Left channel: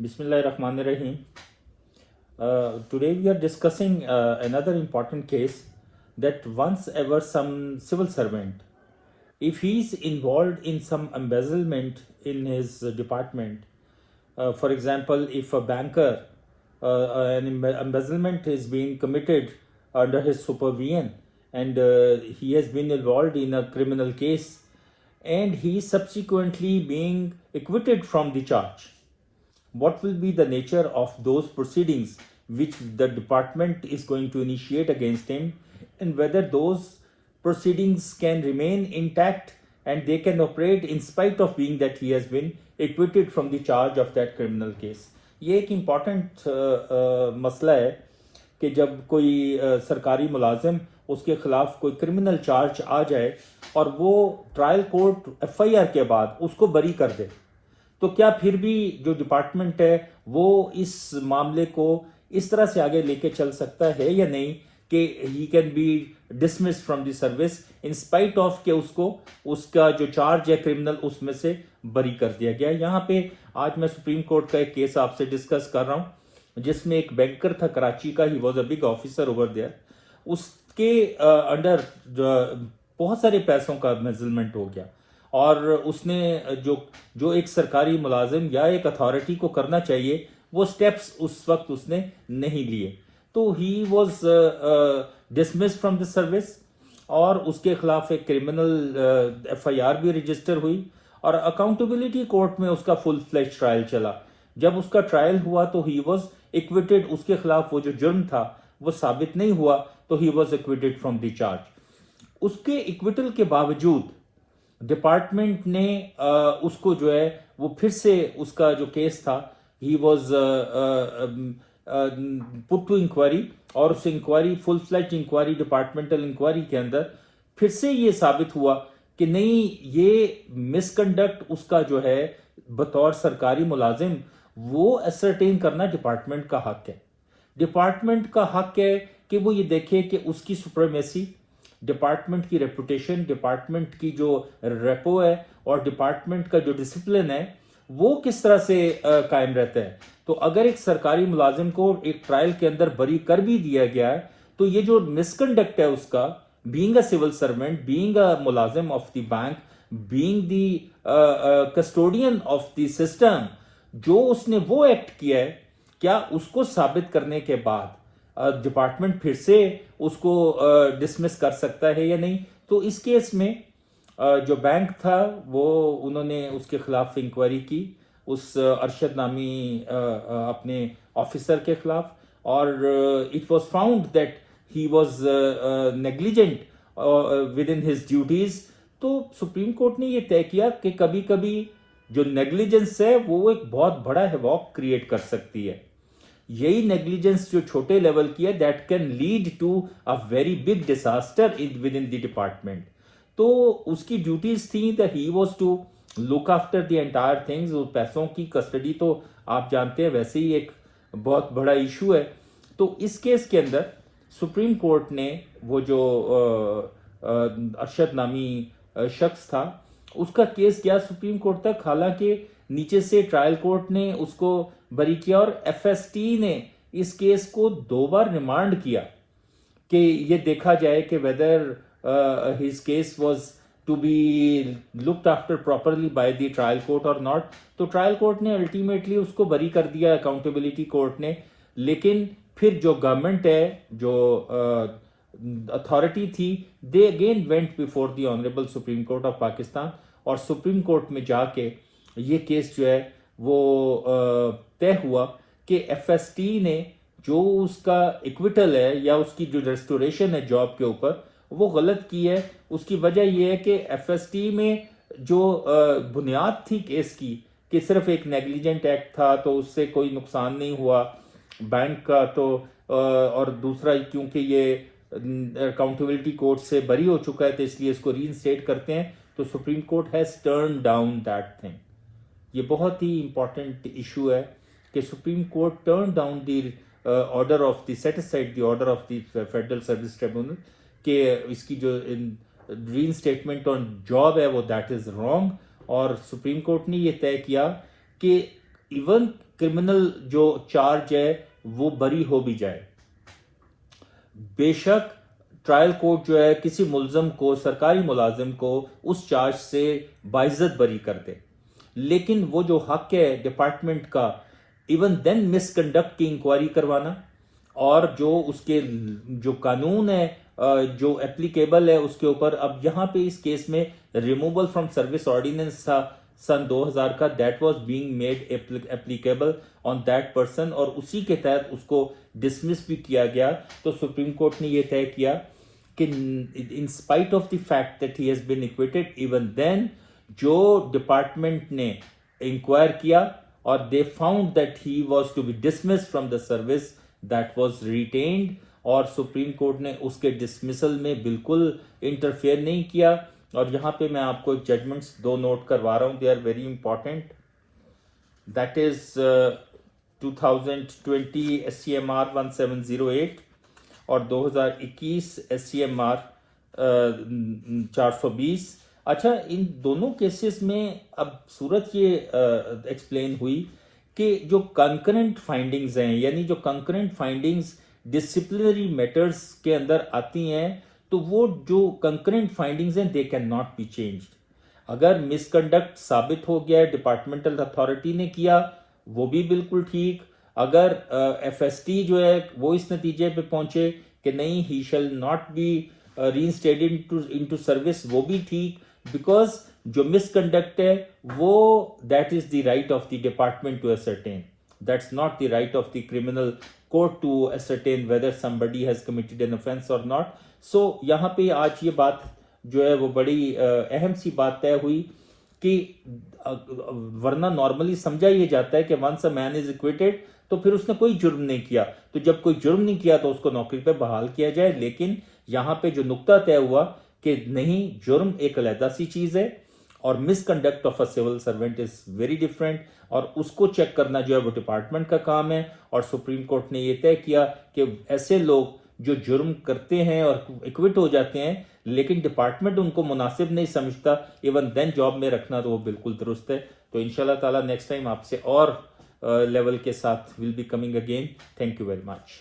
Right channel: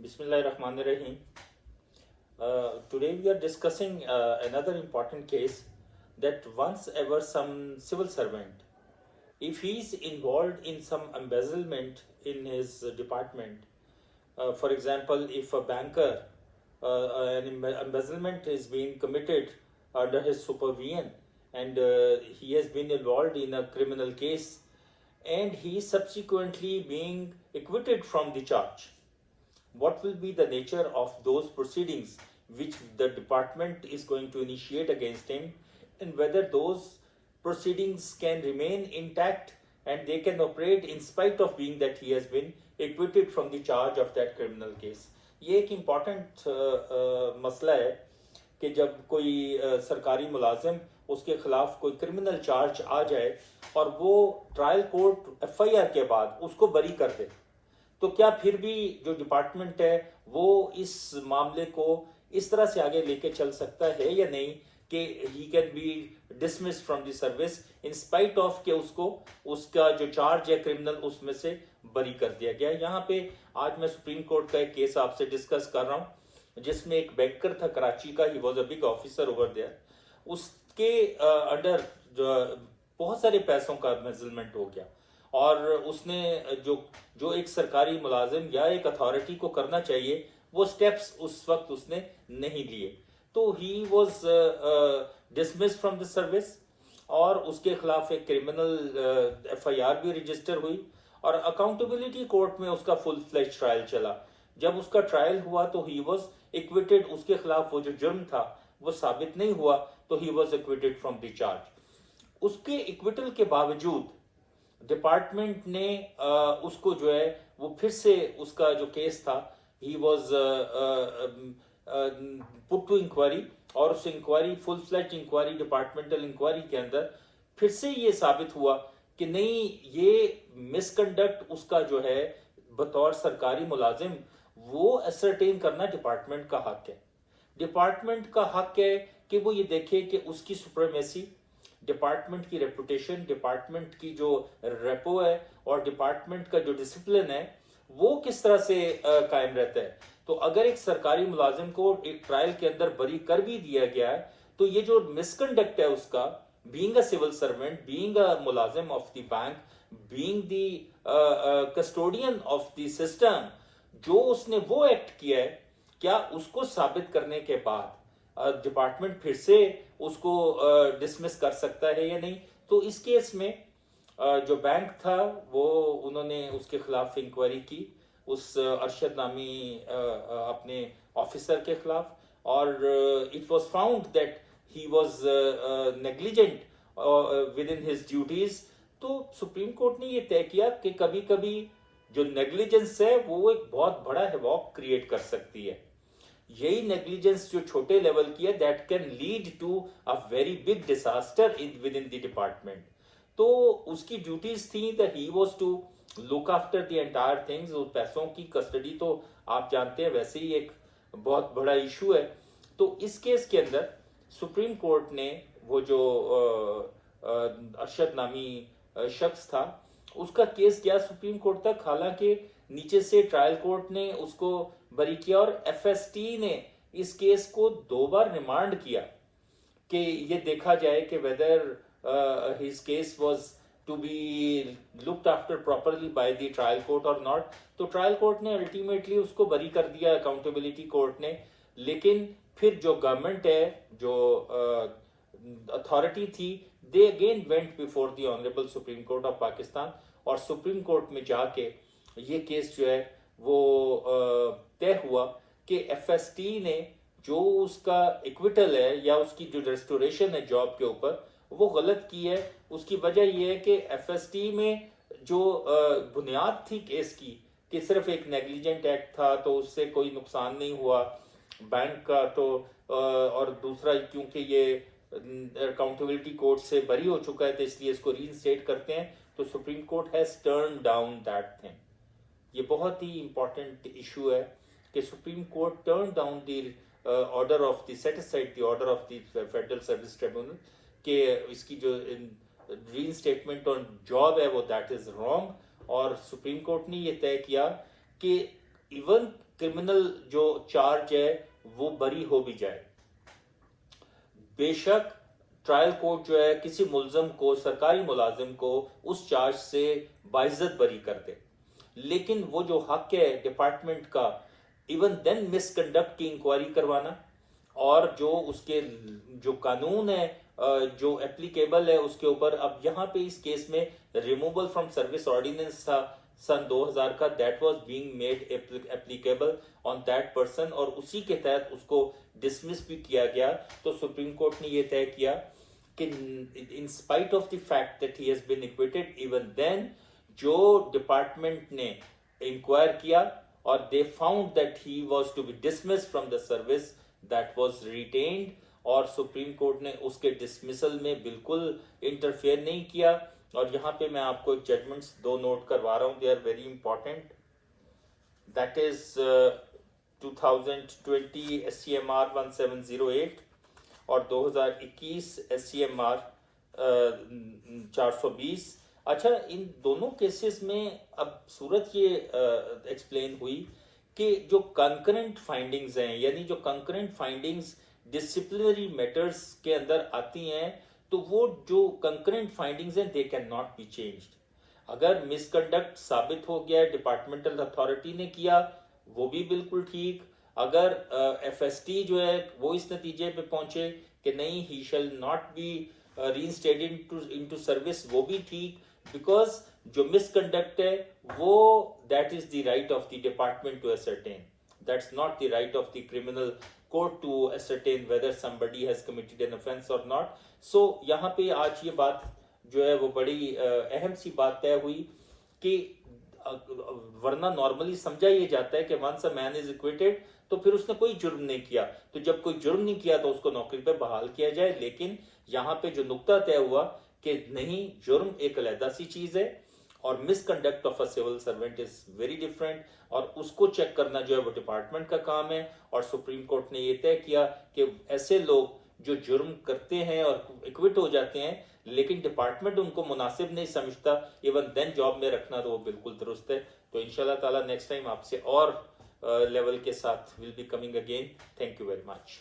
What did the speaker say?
Bismillahirrahmanirrahim. Today we are discussing another important case that once ever some civil servant, if he is involved in some embezzlement in his department, for example, if a banker, an embezzlement is being committed under his supervision and he has been involved in a criminal case and he is subsequently being acquitted from the charge, what will be the nature of those proceedings which the department is going to initiate against him, and whether those proceedings can remain intact and they can operate in spite of being that he has been acquitted from the charge of that criminal case. ये एक important मसला है कि जब कोई सरकारी मुलाजिम उसके खिलाफ कोई क्रिमिनल चार्ज आ जाए और वो ट्रायल कोर्ट एफआईआर के बाद उसको बरी कर दे, तो क्या फिर भी जो डिपार्टमेंट है वो इस मामले को इस तरह से आगे लेके चल सकता है या नहीं कि he can be dismiss from the service in spite of के उसको उसका जो चार्ज है क्रिमिनल उसमें से बरी कर दिया गया। यहाँ पे आज मैं सुप्रीम कोर्ट का एक केस आपसे डिस्कस कर रहा हूँ जिसमें एक बैंकर था कराची का, he was a big officer over there. उसके अंडर बहुत सारे पैसों का मेजरमेंट हो गया और उसने जो जो एक सरकारी मुलाजिम या एक अथॉरिटी को करना चाहिए वो स्टेप्स उस वक्त उसने नहीं लिए, तो he was dismiss from the service और उसके खिलाफ एक क्रिमिनल एफआईआर भी रजिस्टर हुई और अकाउंटेबिलिटी कोर्ट में उसका फुल फ्लैश ट्रायल चला। जब उसका ट्रायल हुआ तो ही वॉज इक्विटेड, उसके खिलाफ वो जो जुर्म था वो साबित नहीं हुआ तो he was इक्विटेड from the charge. उसके इक्विटल के बावजूद डिपार्टमेंट ने उसको जो है वो फिर से उसका जो केस था he was put to inquiry और उस inquiry full fledged inquiry departmental inquiry के अंदर फिर से ये साबित हुआ कि नहीं, ये मिसकंडक्ट उसका जो है बतौर सरकारी मुलाजिम वो एसरटेन करना डिपार्टमेंट का हक है। डिपार्टमेंट का हक है कि वो ये देखे कि उसकी सुप्रीमेसी, डिपार्टमेंट की रेपुटेशन, डिपार्टमेंट की जो रेपो है और डिपार्टमेंट का जो डिसिप्लिन है वो किस तरह से कायम रहता है। तो अगर एक सरकारी मुलाजिम को एक ट्रायल के अंदर बरी कर भी दिया गया है तो ये जो मिसकंडक्ट है उसका, being a civil servant, being a मुलाजिम of the bank, being the custodian of the system, जो उसने वो एक्ट किया है, क्या उसको साबित करने के बाद डिपार्टमेंट फिर से उसको डिसमिस कर सकता है या नहीं। तो इस केस में जो बैंक था वो उन्होंने उसके खिलाफ इंक्वायरी की उस अरशद नामी अपने ऑफिसर के खिलाफ और it was found that he was negligent with in his duties. तो सुप्रीम कोर्ट ने ये तय किया कि कभी कभी जो नेग्लिजेंस है वो एक बहुत बड़ा हैवॉक क्रिएट कर सकती है। यही नेग्लिजेंस जो छोटे लेवल की है that can lead to a very big disaster with in the department. तो उसकी ड्यूटीज थी that he was to look after the entire things. पैसों की कस्टडी तो आप जानते हैं वैसे ही एक बहुत बड़ा इशू है। तो इस केस के अंदर सुप्रीम कोर्ट ने वो जो अरशद नामी शख्स था उसका केस गया सुप्रीम कोर्ट तक, हालांकि नीचे से ट्रायल कोर्ट ने उसको बरी किया और एफएसटी ने इस केस को 2 बार रिमांड किया कि ये देखा जाए कि whether his case was to be looked after properly by the trial court और नॉट। तो ट्रायल कोर्ट ने अल्टीमेटली उसको बरी कर दिया, अकाउंटेबिलिटी कोर्ट ने। लेकिन फिर जो गवर्नमेंट है, जो अथॉरिटी थी, they again went before the honourable supreme court of Pakistan और सुप्रीम कोर्ट में जाके ये केस जो है वो तय हुआ कि एफएसटी ने जो उसका इक्विटल है या उसकी जो रेस्टोरेशन है जॉब के ऊपर वो गलत की है। उसकी वजह यह है कि एफएसटी में जो बुनियाद थी केस की कि सिर्फ एक नेग्लिजेंट एक्ट था तो उससे कोई नुकसान नहीं हुआ बैंक का, तो और दूसरा क्योंकि ये अकाउंटेबिलिटी कोर्ट से बरी हो चुका है तो इसलिए इसको रीइंस्टेट करते हैं। तो supreme court has turn down that thing. ये बहुत ही इंपॉर्टेंट इशू है कि supreme court turn down the order of the set aside the order of the federal service tribunal कि इसकी जो रीइंस्टेटमेंट ऑन जॉब है वो दैट इज रॉन्ग। और सुप्रीम कोर्ट ने ये तय किया कि इवन क्रिमिनल जो चार्ज है वो बरी हो भी जाए। बेशक ट्रायल कोर्ट जो है किसी मुलजम को, सरकारी मुलाजिम को उस चार्ज से बाइज्जत बरी कर दे, लेकिन वो जो हक है डिपार्टमेंट का इवन देन मिसकंडक्ट की इंक्वायरी करवाना, और जो उसके जो कानून है जो एप्लीकेबल है उसके ऊपर, अब यहाँ पे इस केस में रिमूवल फ्रॉम सर्विस ऑर्डिनेंस था सन 2000 का, that was being made applicable on that person, और उसी के तहत उसको डिसमिस भी किया गया। तो सुप्रीम कोर्ट ने यह तय किया कि in spite of the fact that he has been acquitted, even then जो डिपार्टमेंट ने इंक्वायर किया और they found that he was to be dismiss from the service, that was retained, और सुप्रीम कोर्ट ने उसके डिसमिसल में बिल्कुल interfere नहीं किया। और यहां पे मैं आपको एक जजमेंट्स दो नोट करवा रहा हूं, they are very important. That is 2020 SCMR 1708 और 2021 SCMR 420। अच्छा, इन दोनों केसेस में अब सूरत ये एक्सप्लेन हुई कि जो कंकरेंट फाइंडिंग्स हैं, यानी जो कंकरेंट फाइंडिंग्स डिसिप्लिनरी मैटर्स के अंदर आती हैं, तो वो जो कंकरेंट फाइंडिंग्स हैं they can not be changed. अगर मिसकंडक्ट साबित हो गया, डिपार्टमेंटल अथॉरिटी ने किया, वो भी बिल्कुल ठीक। अगर FST जो है वो इस नतीजे पे पहुंचे कि नहीं, he shall not be reinstated into service, वो भी ठीक, बिकॉज जो मिसकंडक्ट है वो that is the right of the department to ascertain, that's not the right of the criminal court to ascertain whether somebody has committed an offence और not. So यहाँ पे आज ये बात जो है वो बड़ी अहम सी बात तय हुई कि वरना नॉर्मली समझा ये जाता है कि वंस अ मैन इज इक्विटेड तो फिर उसने कोई जुर्म नहीं किया, तो जब कोई जुर्म नहीं किया तो उसको नौकरी पे बहाल किया जाए। लेकिन यहाँ पे जो नुक्ता तय हुआ कि नहीं, जुर्म एक अलहदा सी चीज है और misconduct of a civil servant is very different, और उसको चेक करना जो है वो डिपार्टमेंट का काम है। और सुप्रीम कोर्ट ने यह तय किया कि ऐसे लोग जो जुर्म करते हैं और इक्विट हो जाते हैं लेकिन डिपार्टमेंट उनको मुनासिब नहीं समझता, इवन देन जॉब में रखना, तो वो बिल्कुल दुरुस्त है। तो इंशाल्लाह ताला नेक्स्ट टाइम आपसे और लेवल के साथ will be coming again. Thank you very much.